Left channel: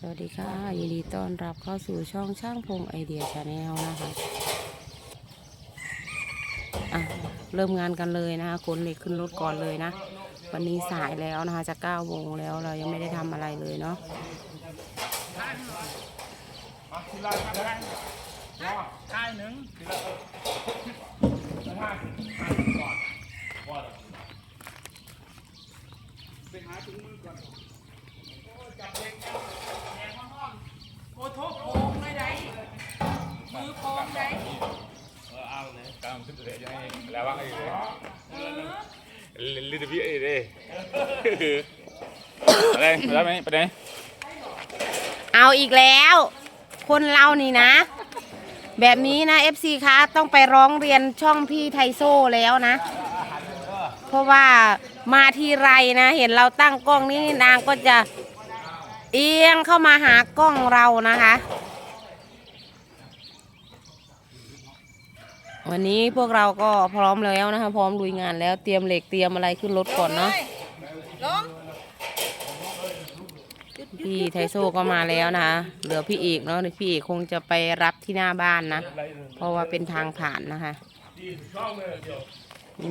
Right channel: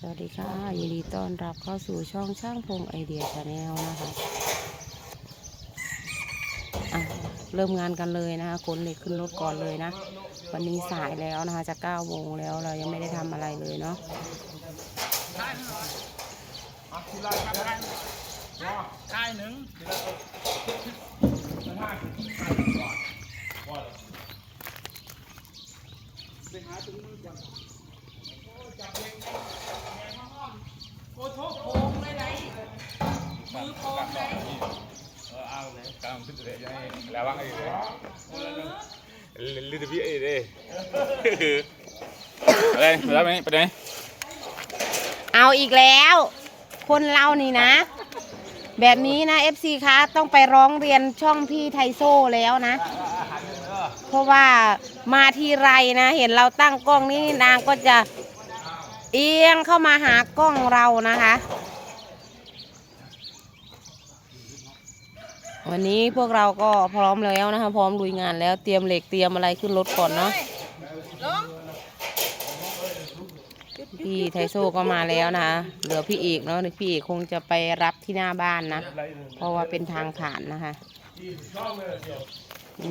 สวัสดีค่ะยินดีต้อนรับเข้าสู่ช่องช่างพงไอเดียชาแนลนะคะอะเริ่มงานกันเลยนะคะขนเหล็กขึ้นรถก่อนเลยนะ วันนี้สายแล้วนะคะ จะ9โมงแล้วเรายังไม่ได้ทำอะไรเลยเนาะค่ายหนึ่ง กำลังขึ้นเลยยังไงแล้วว่างอยู่เลยลิตรพี่เอเด้อะไรแล้วไหมไปไหนเอาอีกแล้ว คนเรานี่นะ แบบนี้นะ FC คะต้องไปร้องเรียนช่องพี่ไทโซ่แล้วนะ เพราะว่ามาทีไรนะ เห็นเราตั้งกล้องนี่นางก็จะเอียงเข้ามาหากล้องเรานะคะ วันนี้พวกเราก็พร้อมแล้วนะคะ พร้อมลุยงานแล้วเตรียมเหล็กเตรียมอะไรขึ้นรถก่อนเนาะพี่ไทโซ่ก็มาแล้วนะคะ เหลือพี่เอกเนาะพี่เอกคงจะไปรับที่หน้าบ้านนะ เพราะว่าเป็นทางผ่านนะคะ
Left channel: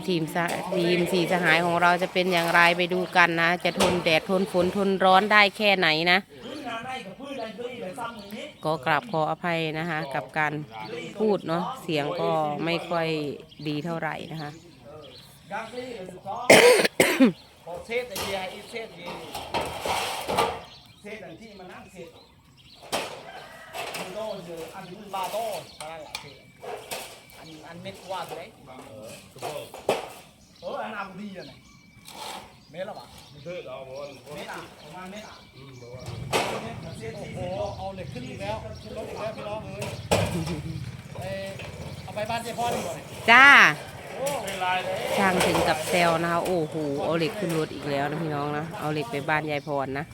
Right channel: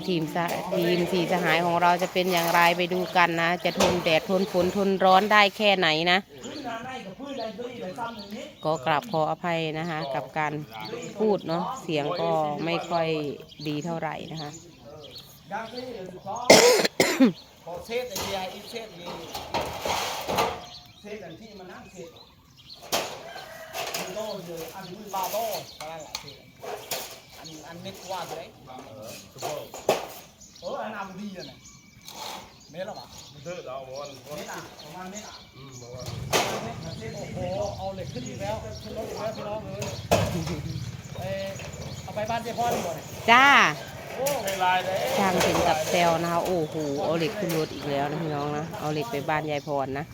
ทีมสะทีมสีสหายของเราจะเป็นอย่างไรไปดูกันนะ จะทนแดดทนฝนทนร้อนได้แค่ไหนนะ ก็กราบขออภัยนะคะ กับการพูดเนาะเสียงก็ไม่ค่อยดีเท่าไหร่นะคะเลยสิบสองพอเซตไอ้เดียอีเซตยีเซตอันที่มันนั่งเซตมันโดนเยอะอันนี้มันบาโต้ตอนนั้นแหละเซต อันอันเม็ดกว่าตัวไหนเอออันอาบดีอะไหนเม็ดหรอวะเม็ดอะประมาณเม็ดอะเม็ดเซตโอ้โหเอาเหล็กขึ้นอีกแล้วขึ้นรถอีกแล้วพี่น้องเอ้ยเอ่อเอาไปบ้านเจ้าพ่อดีกว่าจ้าช่างถึงกับแซวนะคะโอ้โหเอาเหล็กขึ้นรถอีกแล้วนะพี่น้องนะเอาเหล็กไปบ้านยายพรนะ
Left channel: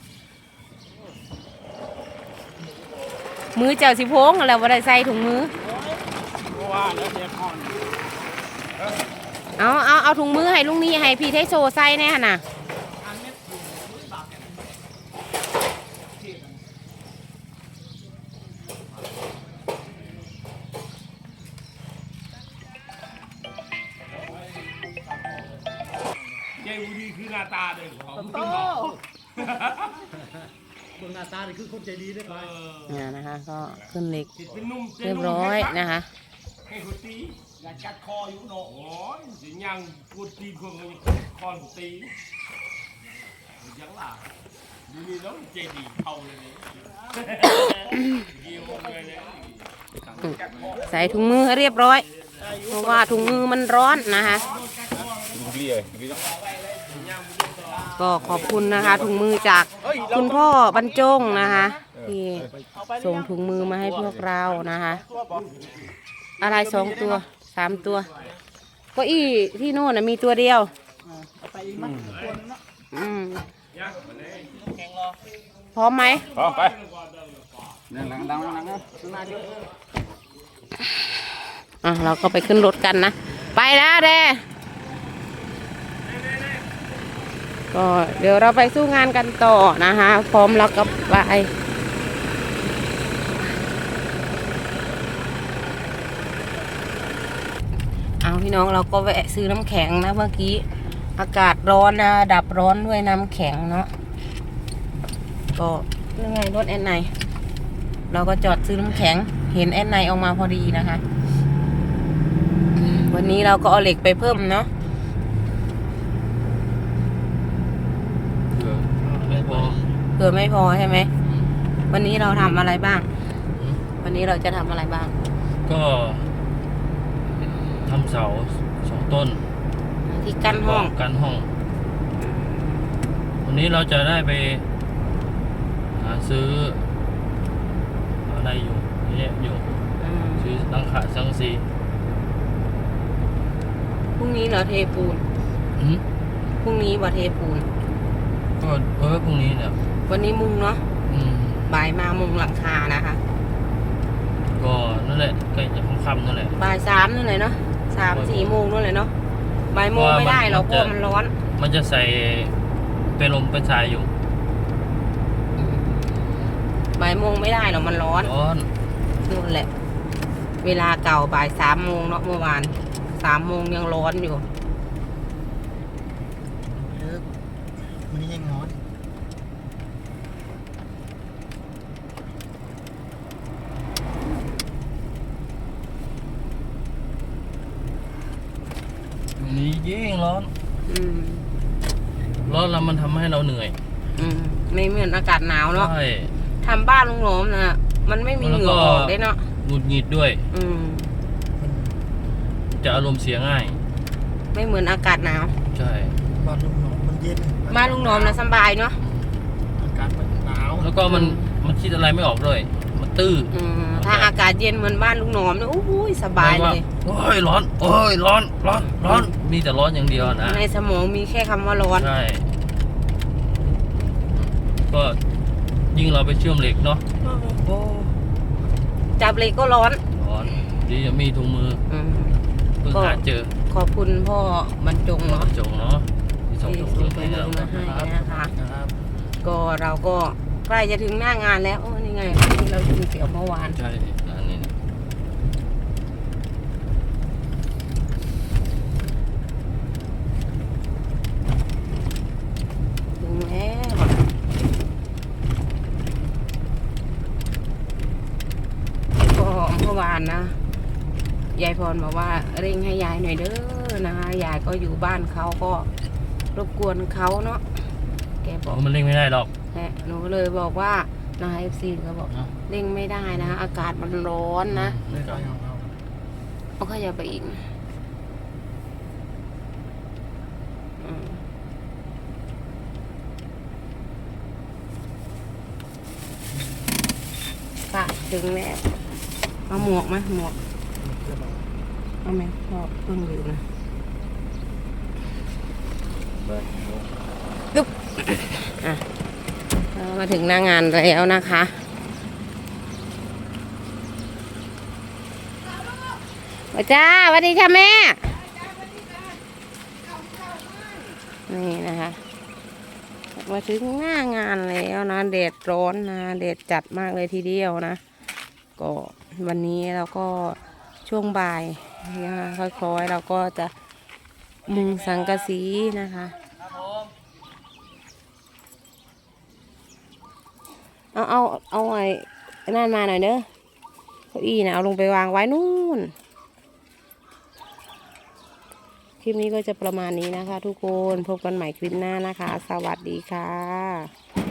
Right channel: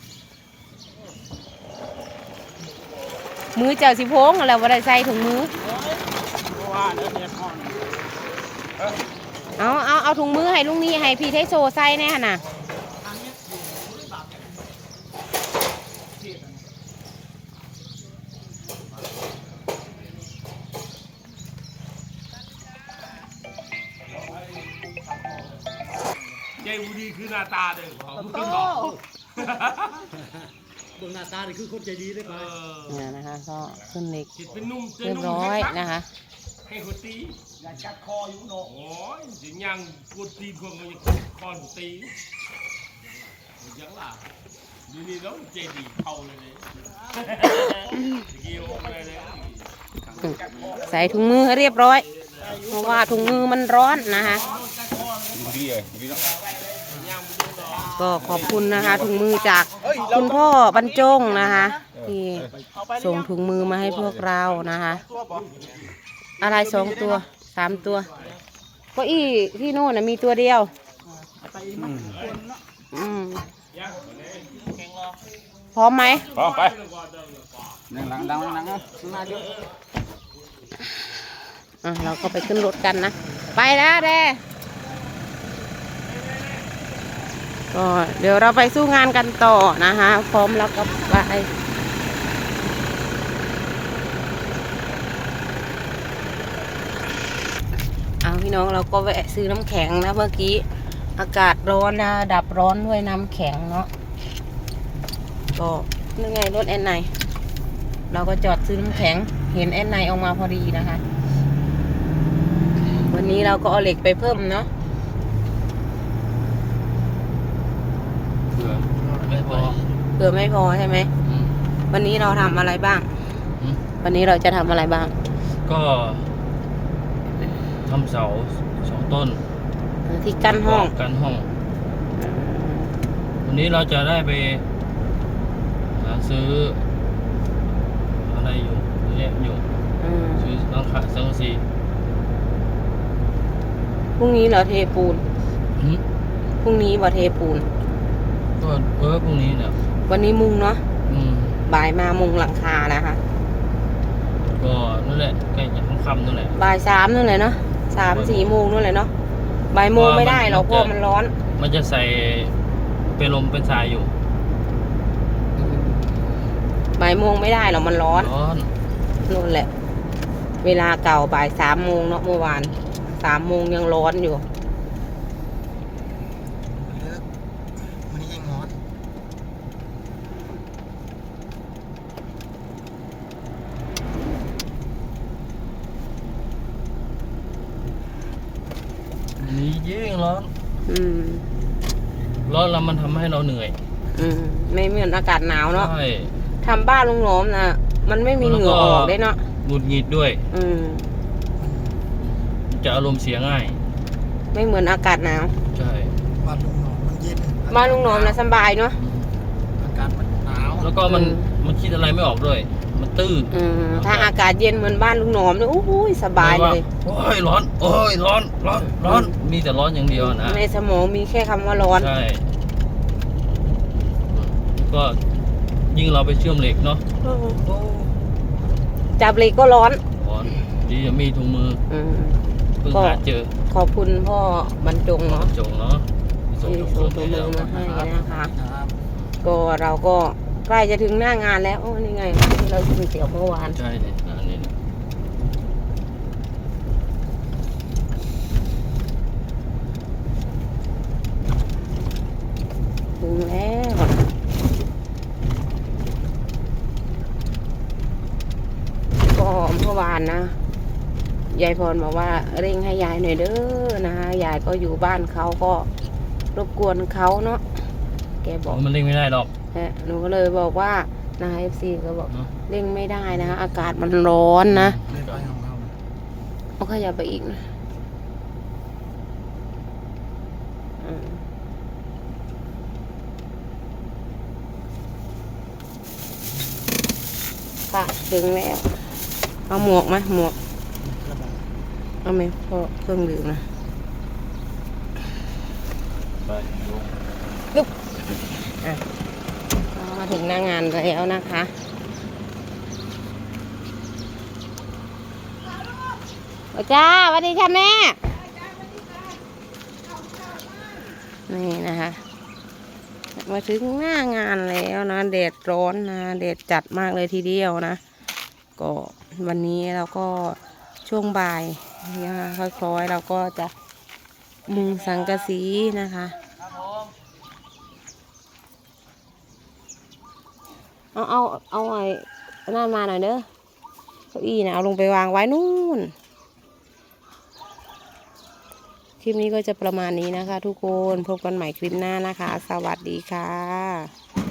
มือเจ้าสิโพงอะไรว่าได้ใส่ถุงมือ ว่าเนี่ยเด็กพ่อเอาเอาเอาถุงมือให้ลุงนี่ให้พี่ไทโซใส่แน่หั่นน่ะอันเม็ดอยู่บริบาทเนี่ยเทศอะเจ้บุรีคือหน้าตาเด้อเขาโอ้ดวงหน้าตานี่คือคนใจดีได้ป่ะเนี่ยนะคะ ก็ขึ้นเหล็กคิดเป็นนุ่มเรียบร้อยนะคะ ให้คนตีอยากจับคออยู่โหนกโอ้ยสิยังกูตีคนก็ยังคอนตียังล่ะดูนี่น้องเจดีเข้าเลยเลยเกี่ยวเลยเลยใส่ถุงมือให้เรียบร้อย เพราะว่าถุงมือมันร้อนนะคะดีเลยดีเนาะก็ขอบคุณนะคะถุงมือจากคุณพ่อบรรจงนะคะที่ส่งถุงมือมาให้พวกเรานะคะ อะไรสองตัวสามตัวเก็อี้ที่โน่นนะมีตัวเดียวไปมักคนเนาะอืมแข่งรอพร้อมไหมพร้อมไปนั่งนั่งนั่งนั่งอะเราก็ไปขึ้นรถกันนะ ไปแล้วเด้ก็เดี๋ยวเราไปสู้งานกันต่อนะคะ พร้อมแล้วกับไปเอา พี่น้องเราก็แวะซื้อน้ำแข็งนะเมื่อกี้ อากาศร้อนนะดับร้อนด้วยน้ำแข็งเนาะก็นี่ไงรถแอนไนเราก็จอดซื้อน้ำแข็ง เห็นแอนไนออกมาพอดีนะคะ วันนี้เราก็เอาเหล็กไปเพิ่มเนาะไม่พอเผื่อไม่พอใช่ไหมวันนี้เราทำอะไรบ้างอืมวันนี้เราจะทำอะไรบ้าง ก็ ทำเสาสองต้นที่กั้นห้องกันห้อง วันนี้เราจะได้ไปหาซื้อ อะไรอยู่เยอะแยะอยู่อืมซื้อหลังคาสังกะสีพรุ่งนี้เหราเทปูนอืมพรุ่งนี้บ่เทปูน ก็เออพรุ่งนี้เนี่ยวันนี้มุงเนาะอืมบ่ายมามุงหลังคานะคะ ก็นั่นแหละใกล้จะค่ำๆนั่นแหละบ่ายสามนั่นเลยเนาะ สามสี่โมงนั่นเลยเนาะบ่ายโมงไม่ได้หรอกเพราะมันร้อน มันจะใส่เป็นลมเป็นสายอยู่ายโมงไม่ได้หรอกมันร้อนร้อนนั่นแหละ เวลาเก่าบ่ายสามโมงเนาะเมื่อวานสามโมงยังร้อนอยู่ เลิกมันนี่ยังงอด อันนี้ยิ่ งร้อน อืมร้อนแล้วมันทำให้เราเหนื่อยอืมไม่เหมือนอากาศหนาวเนาะใช่ ทำบ้านลุงหลอมนะมันไม่มีเหงื่อออกเลยเนาะหงุดหงิดด้วย อืม จะอารมณ์เสียง่าย ไม่เหมือนอากาศหนาว ใช่ บ้านลุงหนอมมันเย็นบ้านลุงหลอมนะสบายเนาะอืมอากาศมันหนาวแล้วก็มันอืมมันคิดอะไรไม่ออกด้วยมัน ตื้ออืมถ้าอากาศเย็นเหมือนบ้านลุงหนอมเนี่ยโอ้โหสบายเลยโอ้ยร้อนโอ้ยร้อนร้อนร้อนมีแต่ร้อนอย่างเดียวนะในสมองมีแค่คำว่าร้อน ใช่ก็ยิ่งเราไปเชื่อมเหล็กเนาะจับเหล็กก็ร้อน ร้อนดีจะมีถุงมืออืม เพิ่งก็ หาเจอขอบคุณพ่อบรรจงเนาะจงเนาะที่ส่งที่ถุงส่งมืตัวอให้มืเราอมาให้นะครับนะคะครับก็เราก็ใก ล้จะถึงหน้างานแล้วโอ้นี่ไงที่เรากินเตี๋ยวเมื่อวาน ใช่เนี่ยร้านนี้เนี่ยถึงแล้วก็เมื่อวานนะ ยายพรบอกว่าเร่งให้ยายหน่อยเด้อนะยายก็อยู่บ้านเขาก็รบกวนเขาเนาะแกบโอ้อกมันเร่งไม่ได้หรอก นะหนูก็เลยบอกว่านะคะเอฟซีก็บอกเนาะเร่งไม่ได้นะอากาศมันร้อนนะเลิกไปของเราเอาขยับไปอีกนะอืมค่ะถึงแล้วเอาหมวกไหมหมวก เอาไหมพ่อเครื่องดื่มนะดึ๊บอะเรา มาถึงหน้างานแล้วนะคะ โอ้จ้าสวัสดีค่ะแม่ นี่นะคะ มาถึงหน้างานแล้วนะแดดร้อนนะแดดจัดมากเลยทีเดียวนะ ก็วันนี้เราก็ช่วงบ่ายนะคะค่อยๆเราก็จะมุงสังกะสีนะคะ เอาเอาเอาไอ้นั่นมาหน่อยเด้อเก้าอี้นะเอาลงไปวางไว้นู่น คลิปนี้ก็จะประมาณนี้นะคะ ทุกคนพบกันใหม่คลิปหน้านะคะ สวัสดีค่ะ